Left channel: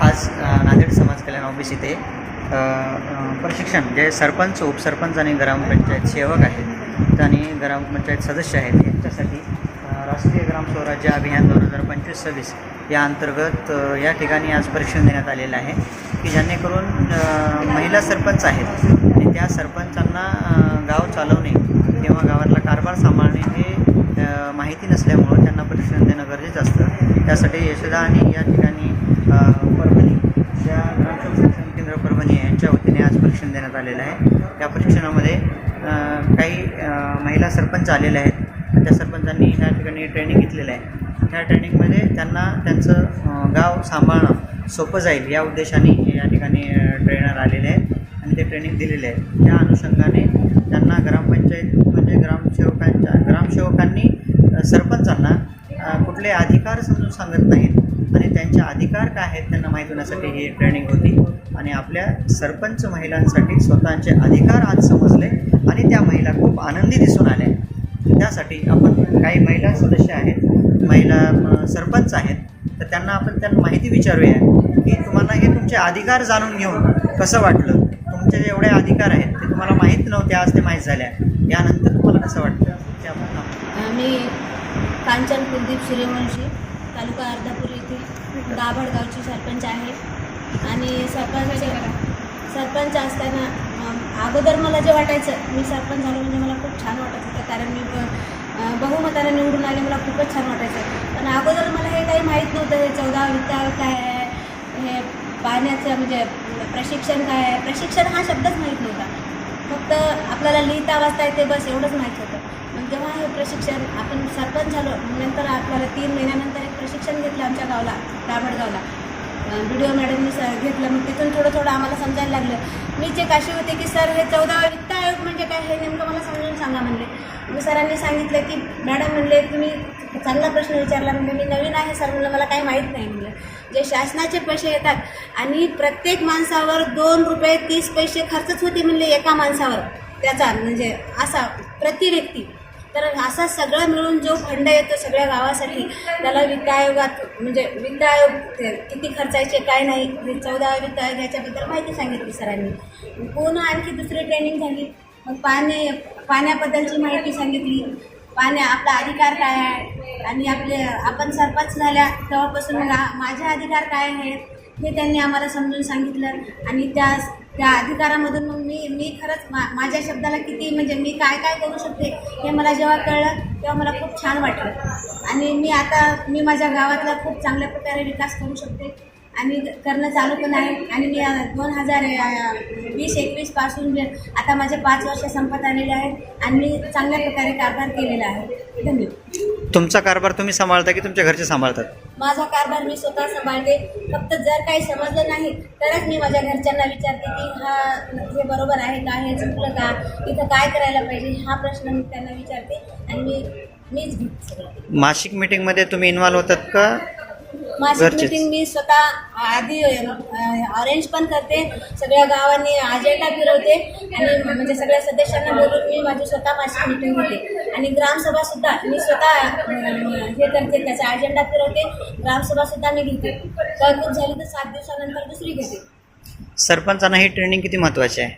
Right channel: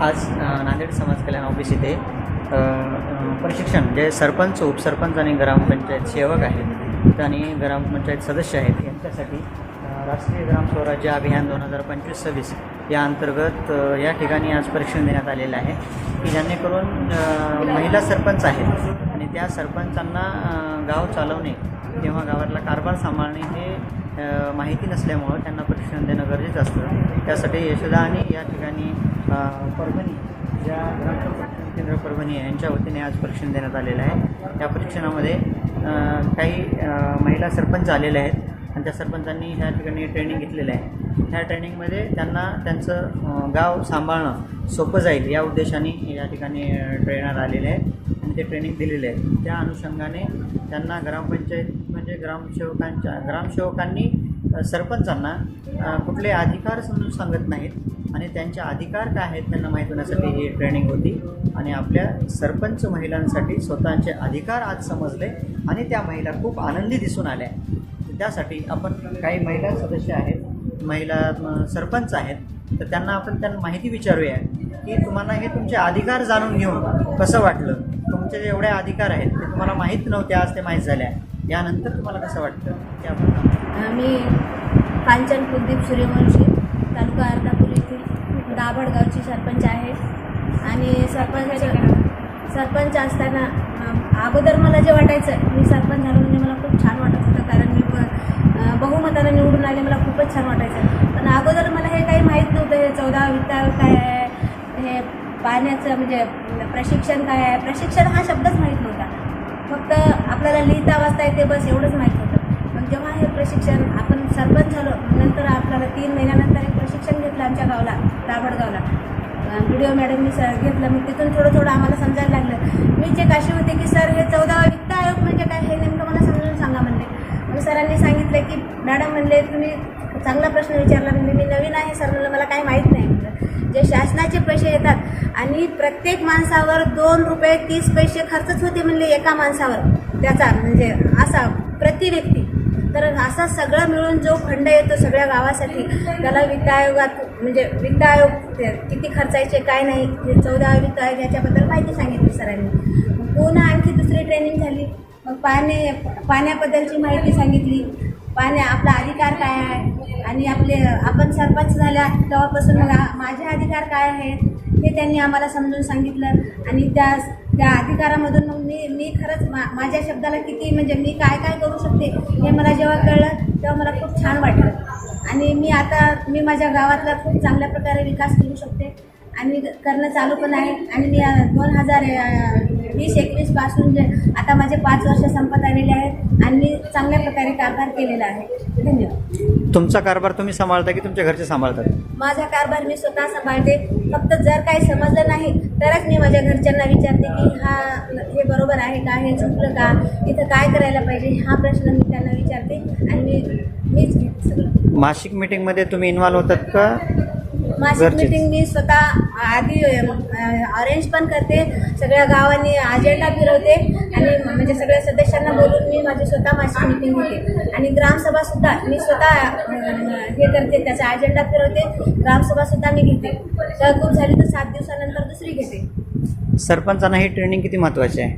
आज नांदेड समाज कल्याण ऑफिस इथे प्रशिक्षण जे सरपंच उपसरपंच आणि ग्रामपंचायत सेवक आहेत आणि ग्रामपंचायत सदस्य आहेत यांच्यासाठी राष्ट्रीय ग्राम स्वराज्य अभियान दोन हजार पंचवीस सव्वीस या अंतर्गत या ठिकाणी आज प्रशिक्षण देण्यात आलेलं आहे की जेणेकरून महिला सरपंच आहेत आणि त्या सरपंचांना गाव चालवणे किंवा गावातला कारभार सांभाळणे हे माहिती नसल्यामुळं त्यांना प्रशिक्षण देणं गरजेचं असतं. त्यासाठी यशोदा आणि या ठिकाणी परभणी या ग्रामसेवक प्रशिक्षण केंद्र परभणी यांच्या वतीने आज परीक्षण देण्यात आलेलं आहे. या परीक्षणामध्ये काही महिला सरपंच आलेल्या आहेत. त्या सरपंचांनी ह्या ठिकाणी ट्रेनिंग घेतलेलं आहे. ह्या ट्रेनिंगमध्ये त्यांना त्यांचं गाव सांभाळणं सोपं जाईल या उद्देशाने या ठिकाणी ट्रेनर आलेले आहेत आणि ते ट्रेनिंग दिलेले आहेत. त्या अनुषंगाने त्यांना ग्रामपंचायत म्हणजे ग्रामसेवकांच्या ग्रामसेवकांनी सरपंचांना कुठले अधिकार समजून सांगत नाहीत आणि त्यांचे अधिकार काय आहेत त्यांना माहीत होण्यासाठी ही ट्रेनिंग होती आणि आपल्या सरपंच महिलांसाठी स्वतःचे अधिकार आज समजले आणि त्या महिला खूप आनंदी दिसून आल्या. त्यासाठी आपण काही महिला सदस्य आहेत महिला सरपंच आहेत तर त्यांना आपण त्यांना माहिती विचारूया की तुम्हाला हे तुमचे अधिकार जाणून घेऊन कसं वाटलं? तुमचे जे एवढे अधिकार आहेत ते तुम्हाला माहीत नव्हते आज ते माहीत झाल्या यानंतर तुम्हाला कसं वाटतं? ते आपण मी कांचन कुलदीप सूर्यवंशी तालुका अर्धापूर येथील दाभड गावची सरपंच आहे. आणि सरपंच सरपंच असताना अगोदर मला जे वाटायचं मी सरपंच झालो म्हणजे मला खूप छान वाटत होतं कारण मी ब- अ, बहुमताने निवडून आले मला खूपच छान वाटायचं. पण अगोदर मला हे काही माहीत नव्हतं हे चौदा वित्ता काय आहे हे पाण्याचं म्हणजे प्रशिक्षण काय आहे? प्रशिक्षण हा शब्दच माहीत नव्हता. फक्त आपल्याला लिहिता वाचता येते बस एवढंच माहीत होतं. मग जेव्हा हे प्रशिक्षण आपण सरपंच झालो नंतर आपल्याला तीन महिन्यानंतर एक प्रशिक्षण घेतलं आमच्या गावला ताबडगावला व्हिडिओ मॅडमनी स घेतलं. मग तिथून थोडं थोडं आम्हाला समजायला लागलं. मी जे काशी होते की सर हे चौदा वित्त आयोग म्हणजे काय? हे नेमकं मला समजून सांगा म्हणले. मग सरांनी सांगितलं की मॅडम म्हणले तुम्ही चांगला प्रश्न विचारला म्हणजे मी नवीन आहे सर म्हणलं मला काही माहीत नाही म्हणलं. जे शासनाचे पैसे येतात आणि प्रत्येक माणसावर दोन रुपये तीस पैसे खर्चच होते म्हणले एका माणसावर. त्याचा म्हणजे असा प्रति व्यक्ती. तर असा सगळं मिळून जो फंड येतो सगळ्या गावासाठी त्याला वित्त आयोगात म्हणजे वित्त आयोग ते किती खर्चायचे काय नाही चौदा वित्त आयोग याच्याबद्दल माहिती सांगितली सरांनी. पुन्हा आणखी दुसरी ट्रेनिंग झाली. मग पाण्या पाण्याबद्दलची माहिती सांगितली. पाण्या आपला अधिकार काय आहे? आणि आपले आपण सरपंच झाल्या तेव्हापासून मग माझे अधिकार काय आहेत? हे त्यांनी आम्हाला समजून सांगितलं. आणि त्या त्या अधिकारामधून मग मी मी खरंच मा माझ्या शब्दाला किती म्हणजे मी काय काय करू शकते हे मला जेव्हा कळलं तेव्हा मला खूप छान वाटलं. आणि मी आता मी माझ्या गावातला खूप चांगल्या प्रकारे विकास करू शकते. आणि करणं चालू पण आहे. आणि मी दोन हजार वीस एकवीसपासून जे आता माझे पाच वर्ष संपत आलेले आहेत आणि मी चांगल्या प्रकारे कारभार केलेला आहे. धन्यवाद. तुमचा कारभार तुम्ही सांभाळता की तुमच्या घरचे सांभाळतात? माझा कारभार मी स्वतः सांभाळते. फक्त जर काही समजलं नाही तरच मी माझ्या घरच्यांना विचारते की हा हे बरोबर आहे का हे चुकलं का इथं काय करायला पाहिजे हा प्रश्न मी त्यांना विचारते आणि मी मीच मासिक मीटिंगमध्ये तुम्ही इन्व्हॉल्व होतात का? मासिक घरचेच. मीटिंग मी स्वतः आधी अरेंज पण करते. सगळ्या गावांनी अजेंडा फिरवते. आणि म्हणजे सगळ्या सदस्यांना बोलून मी माझी स्वतः मासिक मीटिंग घेते आणि ग्रामसभा सुद्धा मी स्वतः अं, हे करते. त्याचा अजेंडा फिरवते. ग्रामसभा सुद्धा मी घेते. तहकूब झाली तर सात दिवसानंतर दुसरी घेते. सरपंचांना ही ट्रेनिंग किती महत्त्वाची आहे?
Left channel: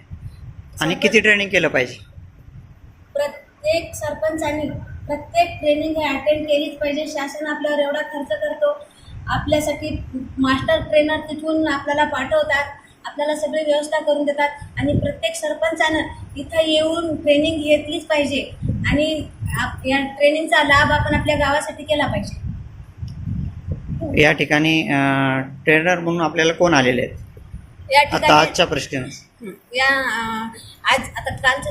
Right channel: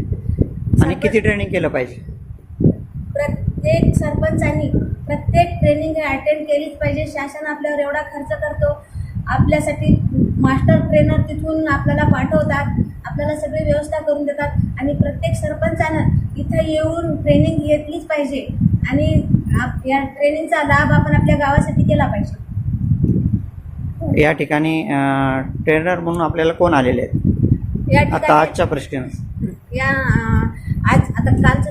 आणि किती ट्रेनिंग केलं पाहिजे? प्रत्येक सरपंचांनी प्रत्येक ट्रेनिंग हे अटेंड केलीच पाहिजे. शासन आपल्यावर एवढा खर्च करतो. आपल्यासाठी मास्टर ट्रेनर तिथून आपल्याला पाठवतात. आपल्याला सगळी व्यवस्था करून देतात. आणि प्रत्येक सरपंचानं इथं येऊन ट्रेनिंग घेतलीच पाहिजे. आणि आप या ट्रेनिंगचा लाभ आपण आपल्या गावासाठी केला पाहिजे. या ठिकाणी ट्रेनर म्हणून आपल्याला कोण आलेले आहेत? या आता आजच्या प्रश्न. या आज आता कालचं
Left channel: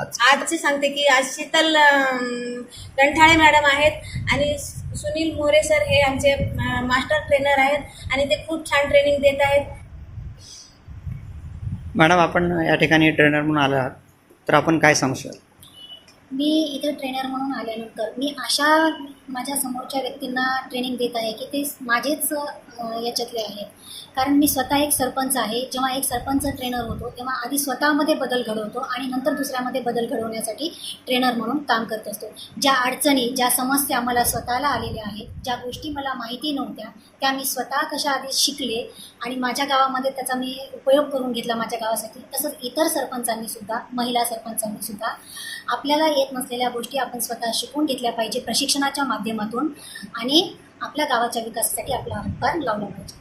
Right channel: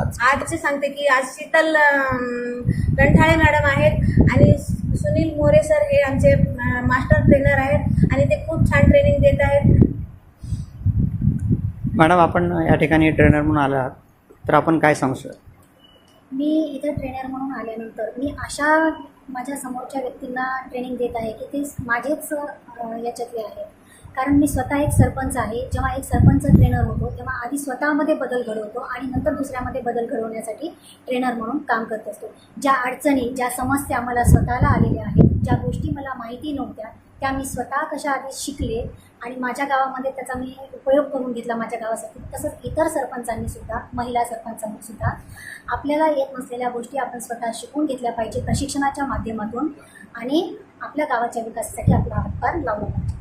आज. आजचे सांगते की आज शीतल गंठाळे मॅडम आहेत. आणि सुनील मोरे सर हे आमचे मास्टर ट्रेनर आहेत आणि ते खूप छान ट्रेनिंग देत आहेत. मॅडम आपण या ठिकाणी ट्रेनर म्हणून आला आहात तर आपण काय सांगू शकतो मी इथं ट्रेनर म्हणून आल्यानंतर मी अशा माझ्या समोरच्या व्यक्तींना ट्रेनिंग देत आहे की ते माझेच याच्यातले आहेत. कारण मी स्वतः एक सरपंच आहे. जेव्हा एक सरपंच ट्रेनर होतो तेव्हा आधी स्वतःमध्ये बदल घडवतो आणि नंतर दुसऱ्यामध्ये बदल घडवण्यासाठी ट्रेनर म्हणून काम करत असतो. ज्या अडचणी ज्या समस्या मला स्वतःला आलेल्या आहेत ज्या गोष्टी मला माहिती नव्हत्या त्या मी स्वतः कशा आधी शिकले आणि माझ्या गावामध्ये त्याचा मी उपयोग करून घेतला माझ्या गावासाठी. तसंच इतर सरपंचांनी सुद्धा महिला सरपंचांनी सुद्धा आपल्याला येत नसलेल्या गोष्टी आपण स्वतः शिकून घेतल्या पाहिजे प्रशिक्षणाच्या माध्यमातून आणि आपल्या गावाच्या विकासासाठी आपला हातभार लावला पाहिजे.